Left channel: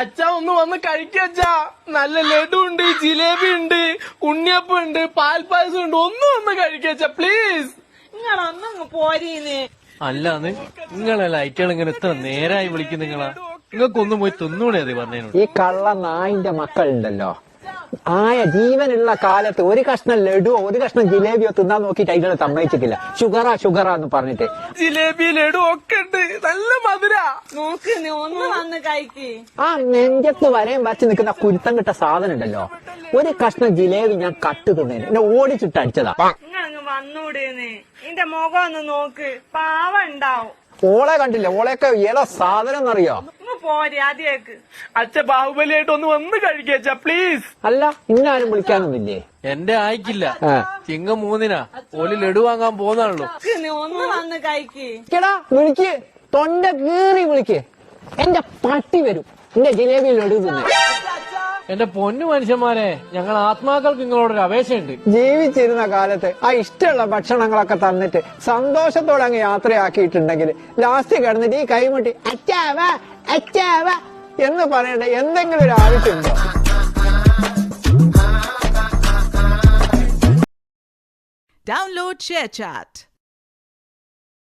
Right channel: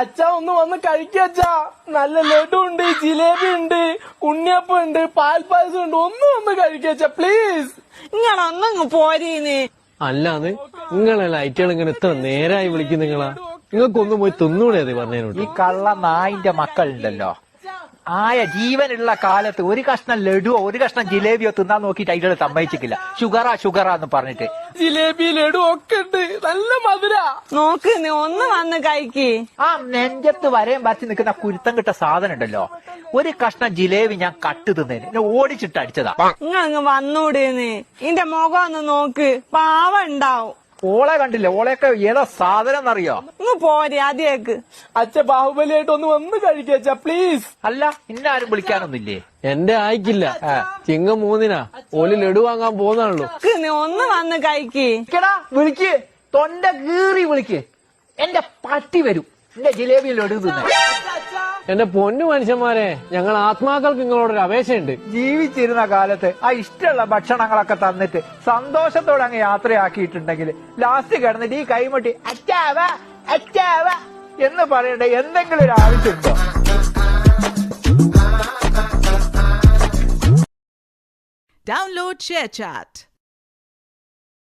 അച്ഛാ ഒന്ന് വന്ന് കഴിക്കച്ചാ. നല്ല ലഡു ഉണ്ട്, ജിലേബി ഉണ്ട്, ഉണ്ണിയപ്പം ഉണ്ട്, പാൽപ്പായസം ഉണ്ട്. ഒന്ന് വന്ന് കഴിക്കച്ചാ പ്ലീസ്. നിങ്ങളൊന്നങ്ങ് പോരേന്ന്. അല്ലാന്ന് നിങ്ങളെ ലൈറ്റുകൾ ഇങ്ങനെ എത്ര നേരായി വിളിക്കും നിങ്ങളാ? നിങ്ങൾക്കൊന്നും പോയി തിന്നൂടെ പറഞ്ഞതിനോട്. ഈ കള്ള നായിന്റെ മക്കളുണ്ടല്ലോ, ആയ ജീവനുള്ള കാലത്ത് ഒരു കഷ്ണം ലഡുവോ ഒരു കഷ്ണം ജിലേബിയോ തിന്നാൻ നോക്കിയിട്ട് അതിൽ സമ്മതിച്ചിട്ടില്ല. ഷുഗറാ എന്ന് പറഞ്ഞിട്ട്. ജിലേബി ലഡു ഒക്കെ ഉണ്ട്, നല്ല മധുര. നോക്ക് ഒന്ന് വന്ന് കഴിക്ക്. ആ നെഞ്ചത്ത് വരയും വച്ച് നിൽക്കുന്ന കുരുത്തം കിട്ട സാധനം ഉണ്ടല്ലോ, ഒരു കഷ്ണം ജിലേബി ഞാൻ കട്ട് തിന്നേന് എന്നെ ഓടിച്ചിട്ട് അടിച്ചതാ. നിങ്ങളങ്ങ് വന്നൂടേന്ന്. ഇന്റെ മുഖം ഒന്ന് നോക്ക്, പാവം ഉണ്ടാവും. ഓളെ കണ്ടില്ലേ? ഓളെയൊക്കെ ഏതാ സാധനം എന്നറിയോ? ഇങ്ങ് പോരെ അതിലേക്ക്. അച്ഛ ബാഹുബലിയായിട്ട് ഒന്ന് വന്ന് കഴിക്കച്ചാ പ്ലീസ്. അല്ല ഇന്നാരും വിളിക്കാനൊന്നില്ലേ? എന്റെ ആയിക്കില്ല. ചിങ്ങം 3-നാ ഓല് ലഡു വാങ്ങാൻ പോകുന്നാണല്ലോ. ഒന്ന് വന്ന് കഴിക്ക്. വിളിക്ക്, തൊണ്ട കീറി വിളിക്ക്. എന്റെ പട്ടി വരും എന്റെ ജിലേബി ലഡു തിന്നു. എന്റെ പൊന്നു മനുഷ്യന്മാരെ, ഞങ്ങൾ ആത്മാക്കൾക്ക് നിങ്ങളോടൊരു അപേക്ഷയുണ്ട്. ജീവിച്ചിരുന്ന കാലത്ത് ആ ഇഷ്ടമുള്ള ഭക്ഷണങ്ങളൊക്കെ തന്നിട്ട് സന്തോഷത്തോടെ അങ്ങ് യാത്രയാക്കിയിട്ടുണ്ടെങ്കിൽ ലാസ്റ്റ് കിടന്നിട്ട് ഈ കൈമുട്ടി അച്ചാവ എന്ന് പറയേണ്ട എന്തെങ്കിലും ഒരു ആവശ്യമുണ്ടോ? Download ShareChat.